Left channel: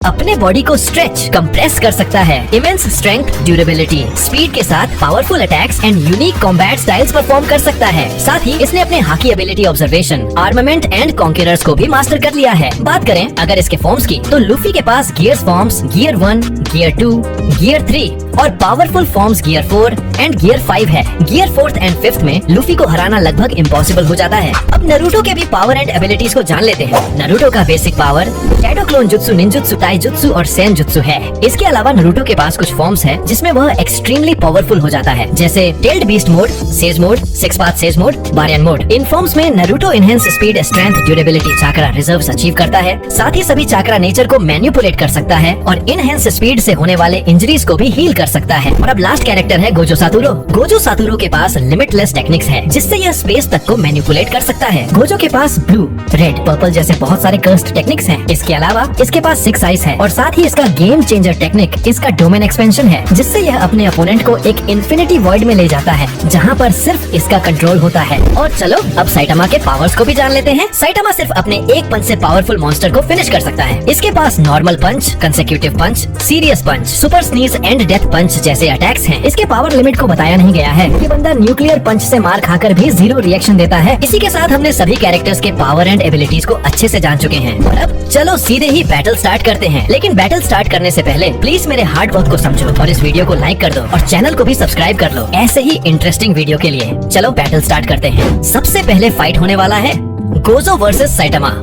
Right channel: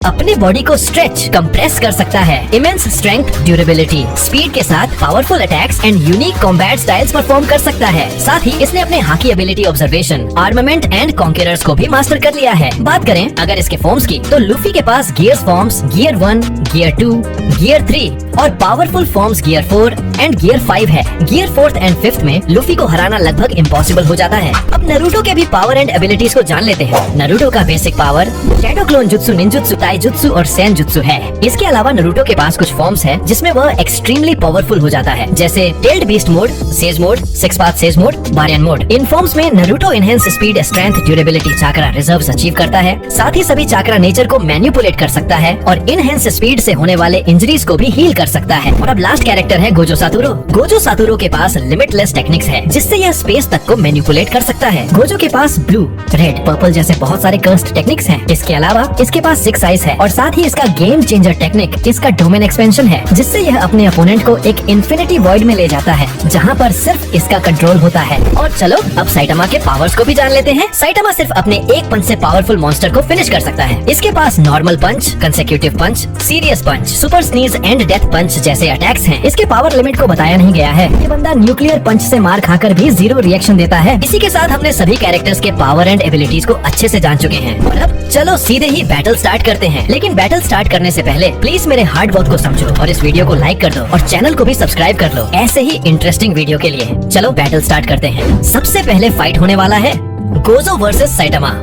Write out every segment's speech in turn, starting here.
अपने बॉडी को stretch compress कर सकता है। इमेंस स्ट्रेंथ, ड्यूरेबिलिटी, स्पीड के साथ powerful attacks and unique combat styles perform कर सकता है। साथ ही इसने अपने hockey ability, observation, armament and conquerors को भी मास्टर कर लिया है। बात करें अगर इसके फॉर्म्स की, तो लूफी के पास gears forms gear 1, gear 2, gear 3 और powerful forms gear 4 and gear 5 है। गियर 4th एंड 5th में लूफी को हराना लगभग इम्पॉसिबल हो जाता है। अब नारुतो के भी पावर एंड एबिलिटीज को जान लेते हैं। नारुतो का basic power shadow clone jutsu, ninjutsu, taijutsu और सेन जुत्सु है। इसके अलावा नारुतो के पास कुछ फॉर्म्स है जिसमें वह एक्सट्रीमली पावरफुल हो जाता है, जैसे tailed beast mode, sage mode, six path sage mode, baryon mode. इन फॉर्म्स में Naruto enhance speed, strength, durability, chakra reserves achieve करता है। साथ ही सभी चाकरा नेचर को मैनिपुलेट कर सकता है और इनहेंस स्पीड से होने वाले इंजरीज को भी हील कर सकता है। और अब लास्ट कैरेक्टर है गोजो सातोरू। गोजो सातोरू के पास लिमिटलेस टेक्निक्स है जिससे यह स्पेस तक को मैनिपुलेट कर सकता है। गोजो के पास ब्लू, रेड, पर्पल जैसे बहुत सारे कर्स्ड टेक्निक्स हैं। इसके अलावा इसके पास 6 आइज है और साथ ही इसका गेम चेंजर टेक्निक, इसका डोमेन एक्सपेंशन है, जिससे यह अपने अपोनेंट को एक इन्फिनिटी वॉइड में ले जाता है जहाँ पर सिर्फ इसका कंट्रोल होता है। और चलो अब साइटामा के पावर्स को भी जान लेते हैं। साइटामा सिर्फ अपने एक पंच से पावरफुल मॉन्स्टर को फिनिश कर सकता है। इसके पास normal punch, consecutive punch, serious punch, super sneeze and death punch जैसे अटैक्स हैं। इसके पावर लिमिट को बताया नहीं गया है। ये बंदा न्यूक्लियर पंच से मार खाकर भी 0 रिएक्शन देता है। इसी के साथ हमने सभी कैरेक्टर्स के पावर एंड एबिलिटीज को अच्छे से जान चुके हैं। और अब चलो सीधे ही बैटल स्टार्ट करते हैं। लेकिन बैटल स्टार्ट करने से पहले प्लीज मेरे हार्ड वर्क को समझो और इस वीडियो को लाइक कर दो और चैनल को भी सब्सक्राइब कर लो ऐसे ही इंटरेस्टिंग वीडियो के लिए। चलो बैटल स्टार्ट करते हैं। सबसे पहले फाइट होने वाला है गोजो वर्सेस साइटामा।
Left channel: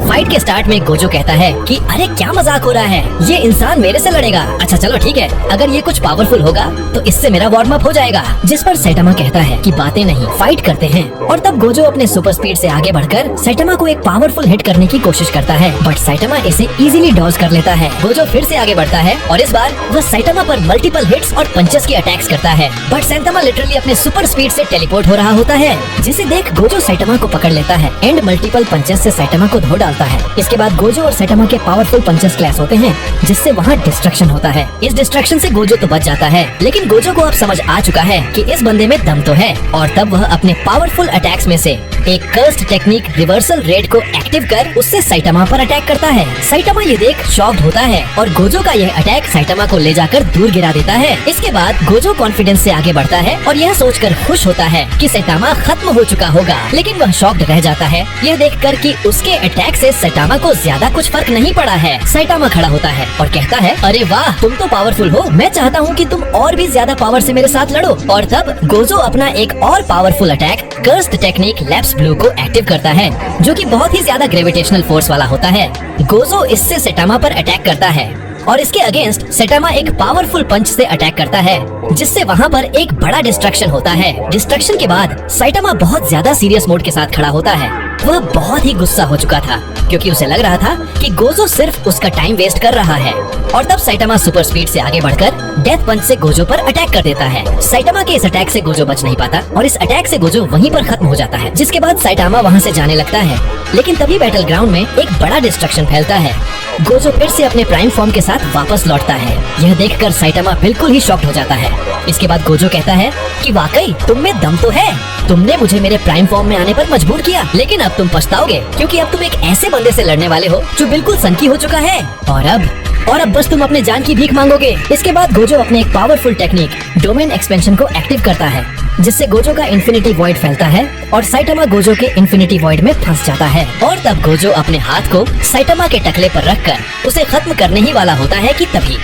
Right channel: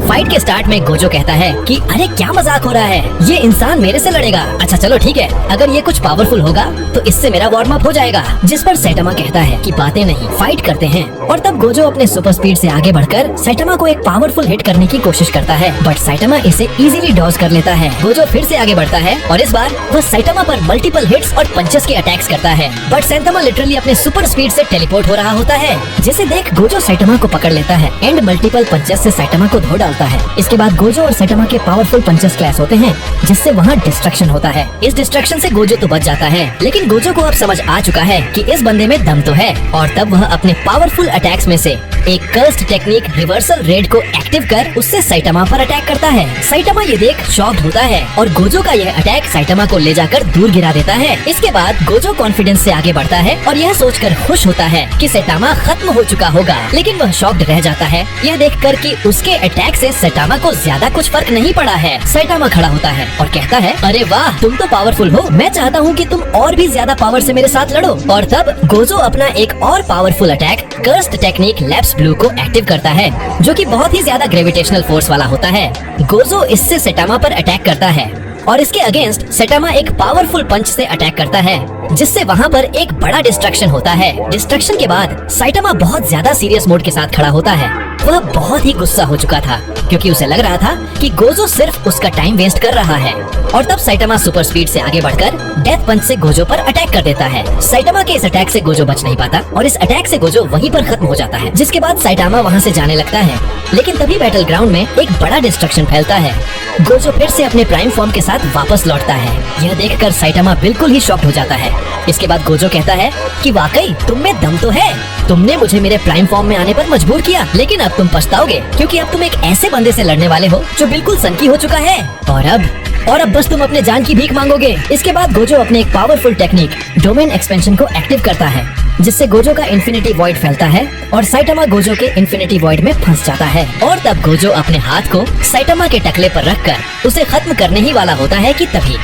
फाइट के स्टार्ट में गोजो कहता है कि अरे क्या मजाक हो रहा है, ये इंसान मेरे से लड़ेगा। अच्छा चलो ठीक है, अगर ये कुछ पावरफुल होगा तो इससे मेरा वार्म अप हो जाएगा। जिस पर साइटामा कहता है कि बातें नहीं, फाइट करते हैं। और तब गोजो अपने सुपर स्पीड से आगे बढ़कर साइटामा को एक पावरफुल हिट करने की कोशिश करता है, बट साइटामा इसे इजीली डॉज कर लेता है। गोजो फिर से आगे बढ़ता है और इस बार वह साइटामा पर मल्टीपल हिट्स और पंचेस के अटैक्स करता है, बट साइटामा लिटरली अपने सुपर स्पीड से टेलीपोर्ट हो रहा होता है, जिसे देख गोजो साइटामा को पकड़ लेता है एंड मल्टीपल पंचेस से साइटामा को धो डालता है। इसके बाद गोजो और साइटामा के पावरफुल पंचेस क्लैश होते हैं, जिससे वहाँ डिस्ट्रक्शन होता है। इस डिस्ट्रक्शन से गोजो तो बच जाता है, लेकिन गोजो को अब समझ आ चुका है कि इस बंदे में दम तो है। और तब वह अपने पावरफुल अटैक्स में से एक कर्स्ड टेक्निक रिवर्सल रेड को एक्टिव कर उससे साइटामा पर अटैक करता है। साइटामा ये देख शॉक्ड होता है और गोजो का यह अटैक साइटामा को ले जाकर दूर गिरा देता है। इसके बाद गोजो कॉन्फिडेंस से आगे बढ़ता है और यह सोचकर खुश होता है कि साइटामा खत्म हो चुका होगा, लेकिन वह शॉक्ड रह जाता है यह देखकर कि उसके अटैक से साइटामा को ज्यादा कुछ फर्क नहीं पड़ा है। साइटामा खड़ा होता है और कहता है अरे वाह, तुम तो पावरफुल हो, मैं चाहता हूँ कि तुम और भी ज्यादा पावर से मेरे साथ लड़ो। और तब गोजो अपना एक और powerful attack cursed technique lapse blue को एक्टिव करता है, जो कि बहुत ही ज्यादा ग्रेविटेशनल फोर्स वाला होता है। गोजो इससे साइटामा पर अटैक करता है और इसके अगेंस्ट साइटामा एक पावरफुल पंच से अटैक करता है, जिससे वहाँ पर एक बड़ा डिस्ट्रक्शन होता है। डिस्ट्रक्शन के बाद साइटामा बहुत ज्यादा सीरियस मोड के साथ खड़ा होता है। वह बहुत ही गुस्सा हो चुका था क्योंकि उसे लग रहा था कि गोजो सिर्फ उसका टाइम वेस्ट कर रहा है। और तब साइटामा सुपर स्पीड से आगे बढ़कर डेथ पंच से गोजो पर अटैक कर देता है। साइटामा के इस अटैक से गोजो बच नहीं पाता और इस अटैक से गोजो वहीं पर खत्म हो जाता है, जिसके बाद साइटामा वहाँ से जाने लगता है। लेकिन तभी बैटल ग्राउंड में एक बड़ा डिस्ट्रक्शन फैलता है। गोजो फिर से अपने प्राइम फॉर्म के साथ वापस लौटता है। यह देखकर साइटामा बिल्कुल ही शॉक्ड हो जाता है। इसके बाद गोजो कहता है कि वाकई तुम में दम तो है, तुमने मुझे मेरे प्राइम फॉर्म में आने पर मजबूर किया, लेकिन अब तुम पछताओगे क्योंकि अब तुम एक ऐसे बंदे से लड़ने वाले हो जो बिल्कुल सनकी हो चुका है। और अब बस तुम अपने जान की भीख मांगोगे। इसके बाद गोजो अपने एक पावरफुल टेक्निक डोमेन एक्सपेंशन को एक्टिव करता है, जिससे गोजो का इन्फिनिटी वॉइड फैलता है और साइटामा गोजो के इन्फिनिटी वॉइड में फंस जाता है। और तब गोजो अपने हाथ को साइटामा के टकले पर रखकर उसे खत्म करने ही वाला होता है कि तभी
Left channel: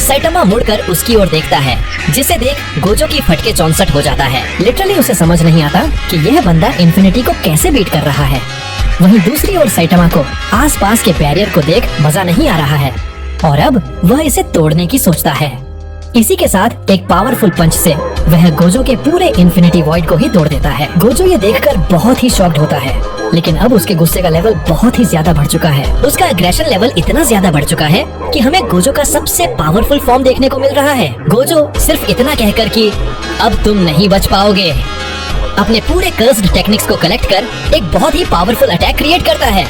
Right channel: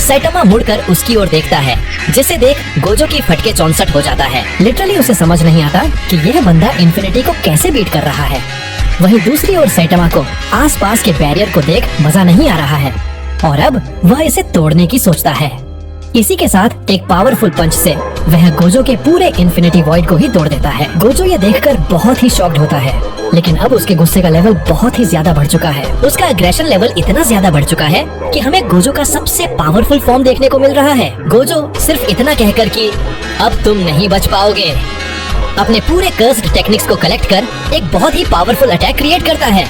साइटामा मुड़कर उसकी ओर देखता है, जिसे देख गोजो की फटके 64 हो जाता है। लिटरली उसे समझ नहीं आता कि यह बंदा इन्फिनिटी को कैसे बीट कर रहा है। वहीं दूसरी ओर साइटामा को आसपास के बैरियर को देख मजा नहीं आ रहा है और अब वह इसे तोड़ने की सोचता है। इसी के साथ एक पावरफुल पंच से वह गोजो के पूरे इन्फिनिटी वॉइड को ही तोड़ देता है। गोजो ये देखकर बहुत ही शॉक्ड होता है, लेकिन अब उसके गुस्से का लेवल बहुत ही ज्यादा बढ़ चुका है। उसका एग्रेशन लेवल इतना ज्यादा बढ़ चुका है कि हमें गोजो का सबसे पावरफुल फॉर्म देखने को मिल रहा है। गोजो सिर्फ इतना कहकर कि अब तुम नहीं बच पाओगे, अपने पूरे कर्स्ड टेक्निक्स को कलेक्ट कर एक बहुत ही पावरफुल अटैक क्रिएट करता है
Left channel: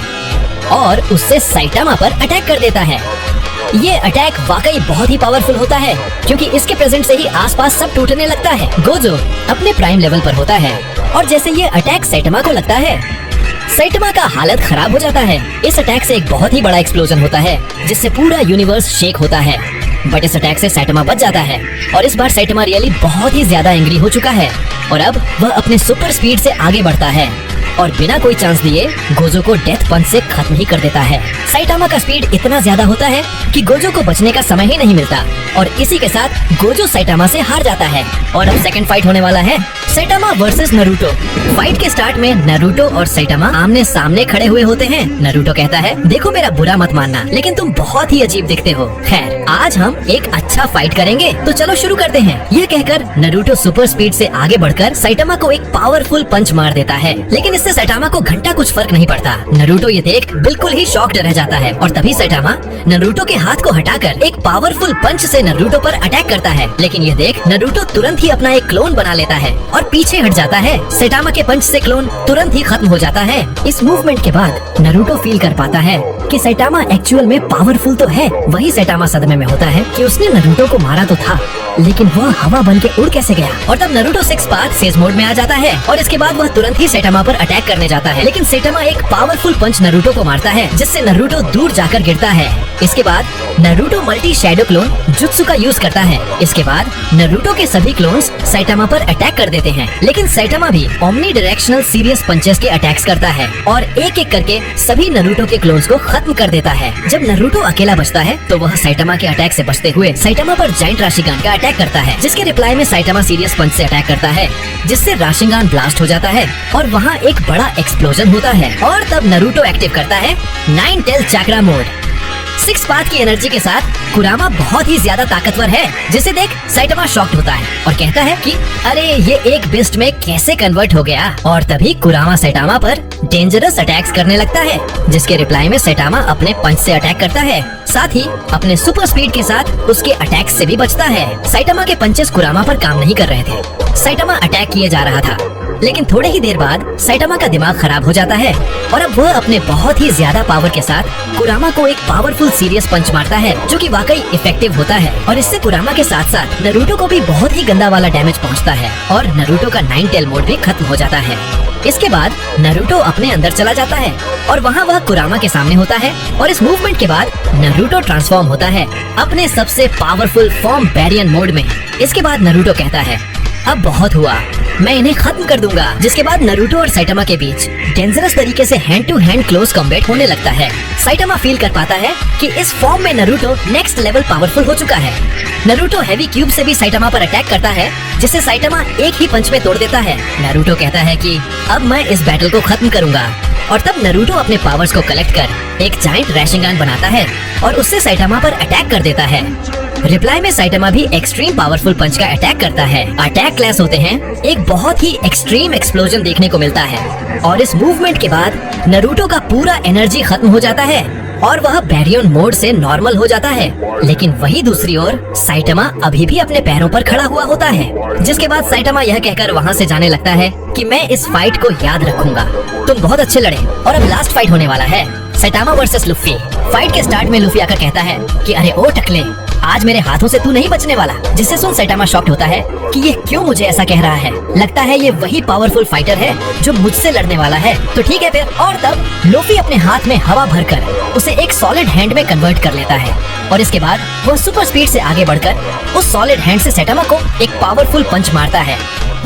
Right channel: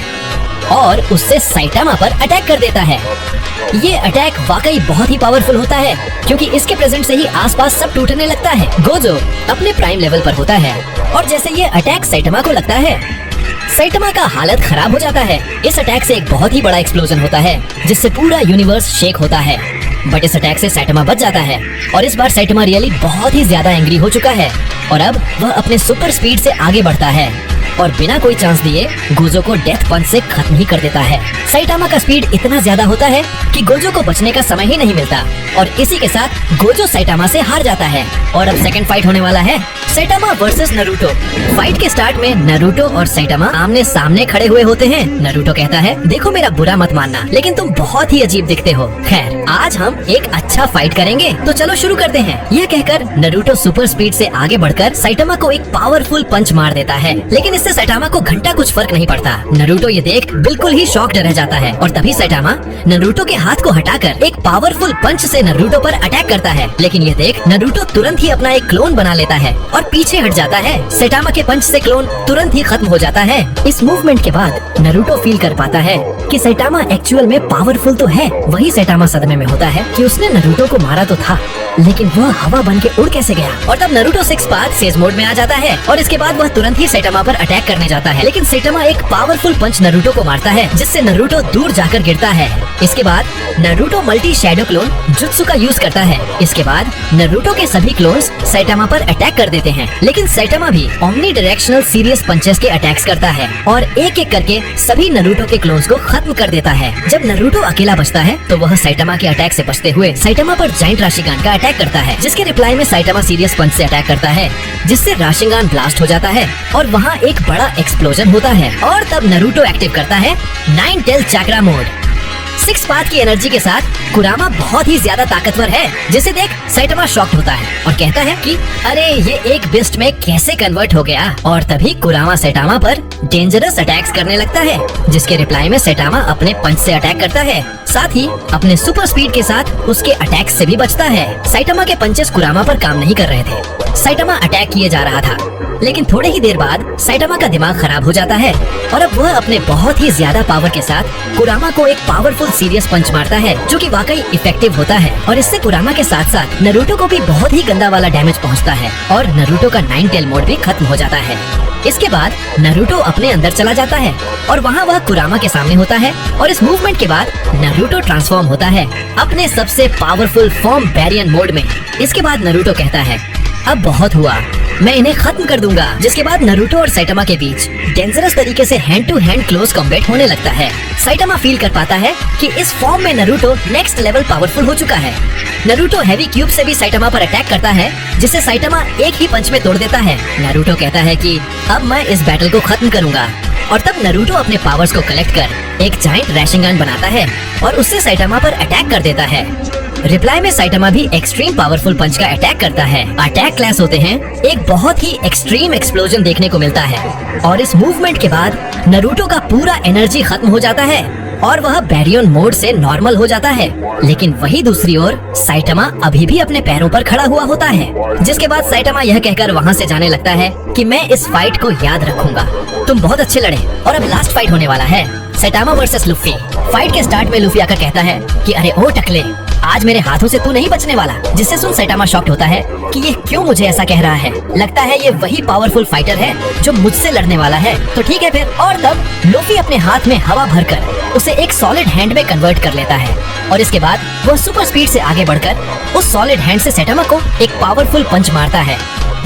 और उससे साइटामा पर अटैक कर देता है। ये अटैक वाकई बहुत ही पावरफुल होता है क्योंकि इसके प्रेजेंट से ही आसपास सब टूटने लगता है। गोजो अपने प्राइम लेवल पर होता है और जैसे ये अटैक साइटामा को लगता है, साइटामा का हालत खराब हो जाता है। इस अटैक से एक बहुत ही बड़ा एक्सप्लोजन होता है जिससे पूरा यूनिवर्स शेक होता है। बट इस अटैक से साइटामा बच जाता है और इस बार साइटामा रियली बहुत ही ज्यादा एंग्री हो चुका है और अब वह अपने सुपर स्पीड से आगे बढ़ता है और बिना कोई चांस दिए गोजो को डेथ पंच से खत्म ही कर देता है। साइटामा का स्पीड इतना ज्यादा होता है कि गोजो को बचने का समय ही नहीं मिलता और इसी के साथ गोजो साइटामा से हार जाता है। और अब सेकंड फाइट होने वाला है, साइटामा वर्सेस नारुतो। फाइट के स्टार्ट में नारुतो और साइटामा आमने सामने खड़े हुए होते हैं। नारुतो कहता है, देखो मेरा बुरा मत मानना, लेकिन तुम बहुत ही अजीब दिखते हो। खैर, आज हम एक अच्छा फाइट करेंगे, तो चलो शुरू करते हैं। यह कहकर नारुतो सुपर स्पीड से आगे बढ़कर साइटामा को एक पावरफुल पंच मार देता है, लेकिन इससे साइटामा को घंटा कुछ फर्क नहीं पड़ता। नारुतो ये देख बिल्कुल ही शॉक्ड रह जाता है और तभी साइटामा नारुतो के हाथ को हटाकर एक पावरफुल पंच से नारुतो पर अटैक करता है, लेकिन ये देख नारुतो तुरंत ही अपना एक क्लोन बना लेता है और पीछे हट जाता है। साइटामा के पंच से क्लोन तुरंत ही खत्म हो जाता है। इस मूवमेंट के बाद नारुतो फील कर पाता है कि साइटामा एक्चुअल में पावरफुल तो है। वही साइटामा सदमे में होता है कि उसने नारुतो को मारा तो था, लेकिन वह हवा बन के उड़ कैसे गया। और तब नारुतो 6 पार्ट सेज मोड में आ जाता है और इसके बाद वह तुरंत ही साइटामा पर अटैक करने जाता है, लेकिन साइटामा एक पावरफुल पंच नारुतो को मारता है जिससे नारुतो दूर जाकर गिरता है। इसके बाद Naruto multi shadow clone jutsu का यूज करता है। इसके बाद नारुतो के सभी क्लोन्स साइटामा पर अटैक कर देते हैं, लेकिन साइटामा भी ओमनी डायरेक्शनल सीरियस पंचेस के अटैक्स करता है और एक एक करके सभी नारुतो के क्लोन्स को खत्म कर देता है। जब नारुतो अकेला बचता है तो वह साइटामा के अटैक से बचते हुए साइटामा पर जायंट राशिगान का अटैक करता है, जिसके रिप्लाई में साइटामा सीरियस पंच से अटैक करता है, जिससे राशिगान ब्लास्ट हो जाता है और वहाँ एक बड़ा एक्सप्लोजन होता है। और तब नारुतो एक्टिव करता है 9 टेल चक्रा मोड। 6 पाथ की एनर्जी के साथ कुरामा बहुत ही ज्यादा ताकतवर है, जिसे देख साइटामा शॉक्ड होता है और कहता है कि अरे ये एक बिस्ट में कैसे कन्वर्ट हो गया। और तभी कुरामा साइटामा पर डेंजरस अटैक्स करने लगता है, जिसके रिप्लाई में साइटामा अपने पंच से अटैक करता है, साथ ही अपने सुपर स्पीड के साथ उसके अटैक से भी बचता है। साइटामा के पंचेस कुरामा पर काम नहीं कर रहे थे। साइटामा अटैक किए जा रहा था, लेकिन थोड़े ही देर बाद साइटामा का दिमाग खराब हो जाता है और अब वह अपने बहुत ही ज्यादा पावर के साथ कुरामा को एक पावरफुल सीरियस पंच मारता है, जो कि वाकई इफेक्टिव होता है और इससे कुरामा के साथ साथ नारुतो को भी बहुत ही गंदा वाला डैमेज पहुंचता है और नारुतो का 9 टेल मोड भी खत्म हो जाता है। इसके बाद नारुतो अपने अंदर चला जाता है और वहाँ वह कुरामा के सामने होता है और इस मूवमेंट के बाद नारुतो ट्रांसफॉर्म होता है अपने सबसे पावरफुल फॉर्म बैरियन मोड में। इसके बाद नारुतो कहता है, अब बहुत हुआ, मैं इन्हें खत्म कर दूंगा। जिसके बाद नारुतो और साइटामा के बीच डेंजरस तरीके से hand to hand close combat होने लगता है। साइटामा फील कर पाता है कि इस फॉर्म में नारुतो नेक्स्ट लेवल पावरफुल हो चुका है। नारुतो हैवी क्यूब से भी साइटामा पर अटैक करता है, जिसे साइटामा एक ही पंच में तोड़ देता है। नारुतो कहता है कि अब मैं इस बैटल को खत्म करूंगा और तब नारुतो अपने पावर्स को कलेक्ट कर एक जायंट राशिगान बनाता है और उससे साइटामा पर अटैक कर देता है। रिप्लाई में साइटामा भी एक्सट्रीम पावरफुल पंच का अटैक करता है। अटैक क्लैश होते हैं, एक बहुत ही एक्सट्रीम एक्सप्लोजन देखने को मिलता है और इस मूवमेंट के बाद नारुतो का पूरा एनर्जी खत्म हो जाता है और वह बैरियन मोड से नॉर्मल हो जाता है। लेकिन वही दूसरी ओर साइटामा अभी भी अपने पैरों पर खड़ा हुआ होता है, जिसके बाद साइटामा यह कहकर वहाँ से जाने लगता है कि मैं इस फाइट को याद रखूंगा, तुम बहुत अच्छे लड़े। और अब लास्ट फाइट होने वाला है, साइटामा वर्सेस लुफी। फाइट के स्टार्ट में लुफी आकर कहता है कि अरे ओ टकले, आज मेरे हाथों से तू नहीं बचने वाला। जिससे सुन साइटामा शॉक्ड होता है कि ये क्यों मुझे ऐसा कह रहा है, लगता है ये वही पावरफुल फाइटर है जो मुझसे लड़ने वाला है, तो ठीक है फिर। और तब लुफी अपने हाथ में हवा भरकर उसे एक सॉलिड हैंड में कन्वर्ट कर लेता है और इसके बाद वह सुपर स्पीड से आगे बढ़कर उस सॉलिड हैंड से साइटामा को एक पावरफुल पंच मारता है,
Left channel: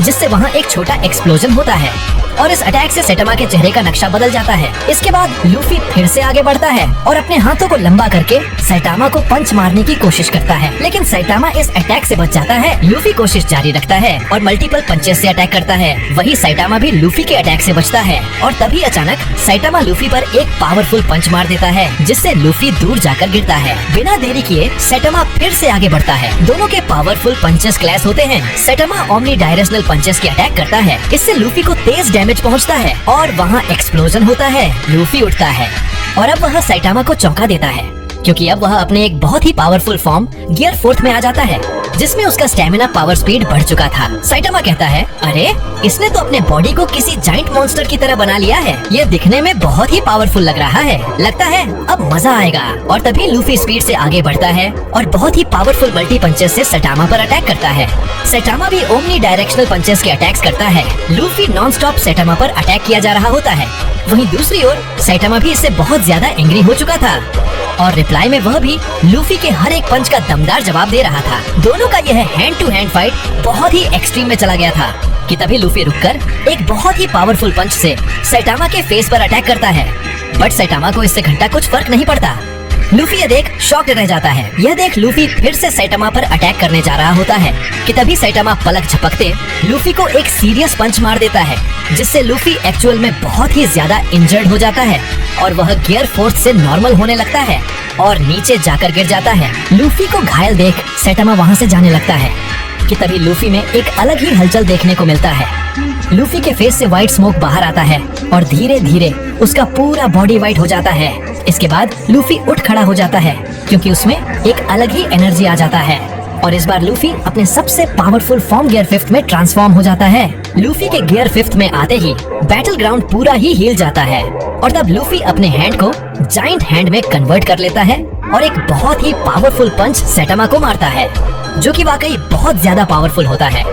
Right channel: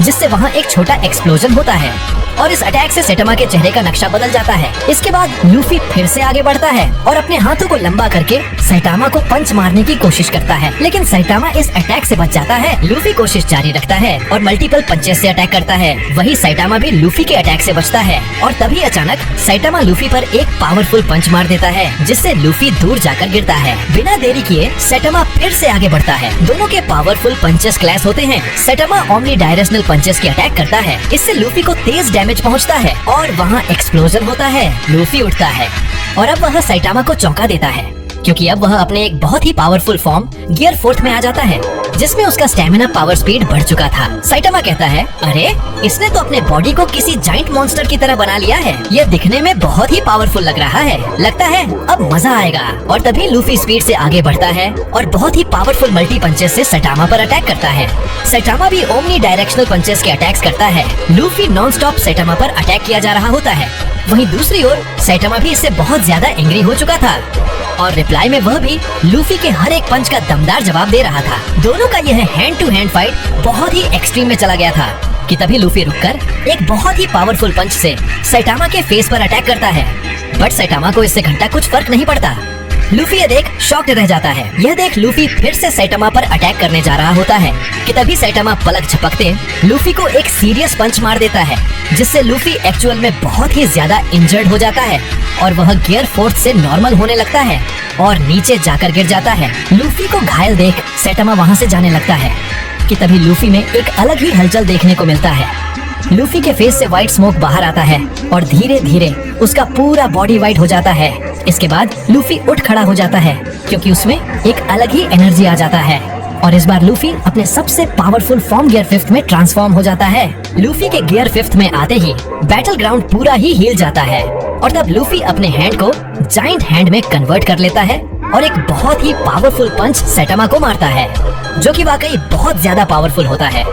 जिससे वहाँ एक छोटा एक्सप्लोजन होता है और इस अटैक से साइटामा के चेहरे का नक्शा बदल जाता है। इसके बाद लूफी फिर से आगे बढ़ता है और अपने हाथों को लंबा करके साइटामा को पंच मारने की कोशिश करता है, लेकिन साइटामा इस अटैक से बच जाता है। लूफी कोशिश जारी रखता है और मल्टीपल पंचेस से अटैक करता है। वही साइटामा भी लूफी के अटैक से बचता है और तभी अचानक साइटामा लूफी पर एक पावरफुल पंच मार देता है, जिससे लूफी दूर जाकर गिरता है। बिना देरी किए साइटामा फिर से आगे बढ़ता है। दोनों के पावरफुल पंचेस क्लैश होते हैं। साइटामा ओमनी डायरेक्शनल पंचेस के अटैक करता है, इससे लूफी को तेज डैमेज पहुंचता है और वहाँ एक्सप्लोजन होता है। लूफी उठता है और अब वह साइटामा को चौंका देता है क्योंकि अब वह अपने एक बहुत ही पावरफुल फॉर्म गियर 4th में आ जाता है, जिसमें उसका स्टेमिना पावर स्पीड बढ़ चुका था। साइटामा कहता है, अरे इसने तो अपने बॉडी को किसी जाइंट मॉन्स्टर की तरह बना लिया है। यह दिखने में बहुत ही पावरफुल लग रहा है, लगता है अब मजा आएगा। और तभी लूफी स्पीड से आगे बढ़ता है और बहुत ही पावरफुल मल्टी पंचेस से सैटामा पर अटैक करता है। सैटामा भी ओमनी डायरेक्शनल पंचेस के अटैक्स करता है। लूफी नॉन स्टॉप सैटामा पर अटैक किया जा रहा होता है। वहीं दूसरी ओर सैटामा भी इससे बहुत ज्यादा एंग्री हो चुका था और रिप्लाई में वह भी लूफी के हर एक पंच का दमदार जवाब दे रहा था। दोनों का यह हैंड टू हैंड फाइट बहुत ही एक्सट्रीम में चला गया था कि तभी लूफी रुककर एक बहुत ही पावरफुल पंच से सैटामा के फेस पर अटैक करता है। बट सैटामा को इससे घंटा कुछ फर्क नहीं पड़ता। लूफी ये देख शॉक्ड रह जाता है। यह देख लूफी फिर से सैटामा पर अटैक करने जा रहा होता है कि तभी सैटामा पलक झपकते लूफी को एक सीरियस पंच मार देता है, जिससे लूफी एक्चुअल में बहुत ही ज्यादा इंजर्ड हो जाता है और वह गियर 4th से नॉर्मल होने लगता है और नीचे जाकर गिर जाता है। लूफी को घायल देख सैटामा वहाँ से जाने लगता है कि तभी लूफी में एक अलग ही हलचल देखने को मिलता है। लूफी के फेस से व्हाइट स्मोक बाहर आता है और धीरे धीरे उसका पूरा बॉडी व्हाइट हो जाता है। इसके बाद लूफी उठ खड़ा हो जाता है क्योंकि उसमें एक अलग ही एनर्जी आ जाता है और इस बार लूफी अपने सबसे पावरफुल फॉर्म गियर 5th में ट्रांसफॉर्म हो जाता है। लूफी के गियर 5th में आते ही बैटल ग्राउंड पूरा ही हिल जाता है और तब लूफी अपने हैंड को जाइंट हैंड में कन्वर्ट कर लेता है और एक बहुत ही पावरफुल पंच सैटामा को मारता है, जो कि वाकई बहुत ज्यादा पावरफुल होता है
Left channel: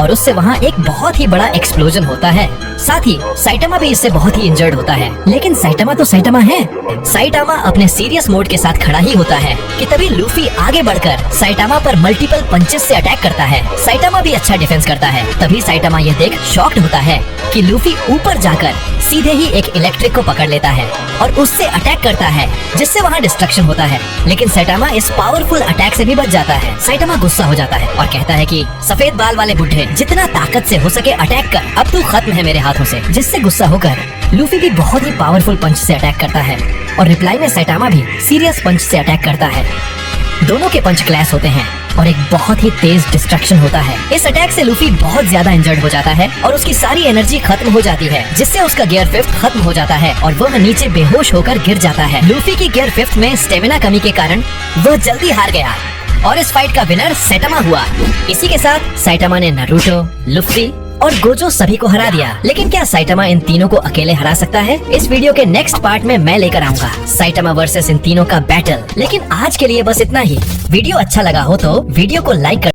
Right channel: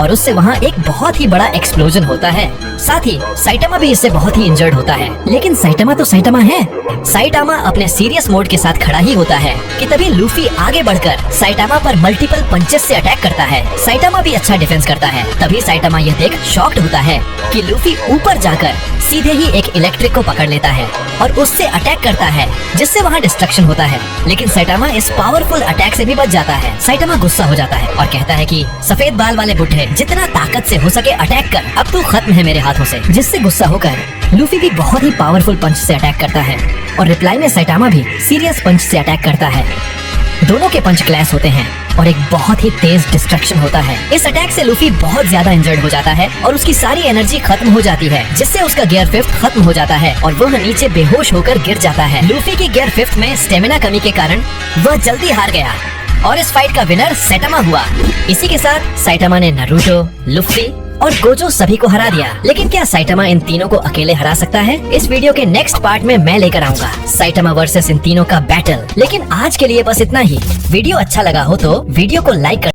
और उससे वहाँ एक बहुत ही बड़ा एक्सप्लोजन होता है। साथ ही सैटामा भी इससे बहुत ही इंजर्ड होता है, लेकिन सैटामा तो सैटामा है। सैटामा अपने सीरियस मोड के साथ खड़ा ही होता है कि तभी लूफी आगे बढ़कर सैटामा पर मल्टीपल पंचेस से अटैक करता है। सैटामा भी अच्छा डिफेंस करता है। तभी सैटामा यह देख शॉक्ड होता है कि लूफी ऊपर जाकर सीधे ही एक इलेक्ट्रिक को पकड़ लेता है और उससे अटैक करता है, जिससे वहाँ डिस्ट्रक्शन होता है। लेकिन सैटामा इस पावरफुल अटैक से भी बच जाता है। सैटामा गुस्सा हो जाता है और कहता है कि सफेद बाल वाले बुड्ढे, जितना ताकत से हो सके अटैक कर, अब तो खत्म है मेरे हाथों से। जिससे गुस्सा होकर लूफी भी बहुत ही पावरफुल पंच से अटैक करता है और रिप्लाई में सैटामा भी सीरियस पंच से अटैक करता है। दोनों के पंच क्लैश होते हैं और एक बहुत ही तेज डिस्ट्रक्शन होता है। इस अटैक से लूफी बहुत ज्यादा इंजर्ड हो जाता है और उसकी सारी एनर्जी खत्म हो जाती है, जिससे उसका गियर 5th खत्म हो जाता है और वह नीचे बेहोश होकर गिर जाता है। लूफी की गियर 5th में स्टेमिना कमी के कारण वह जल्दी हार गया और इस फाइट का विनर सैटामा हुआ। इसी के साथ सैटामा ने नारुतो, लूफी और गोजो सभी को हरा दिया। लेकिन क्या सैटामा इन तीनों को अकेले हरा सकता है? इस वीडियो के नेक्स्ट पार्ट में मैं लेकर आऊंगा सैटामा वर्सेस इन तीनों का बैटल। लेकिन आज के लिए बस इतना ही। वीडियो अच्छा लगा हो तो वीडियो को लाइक कर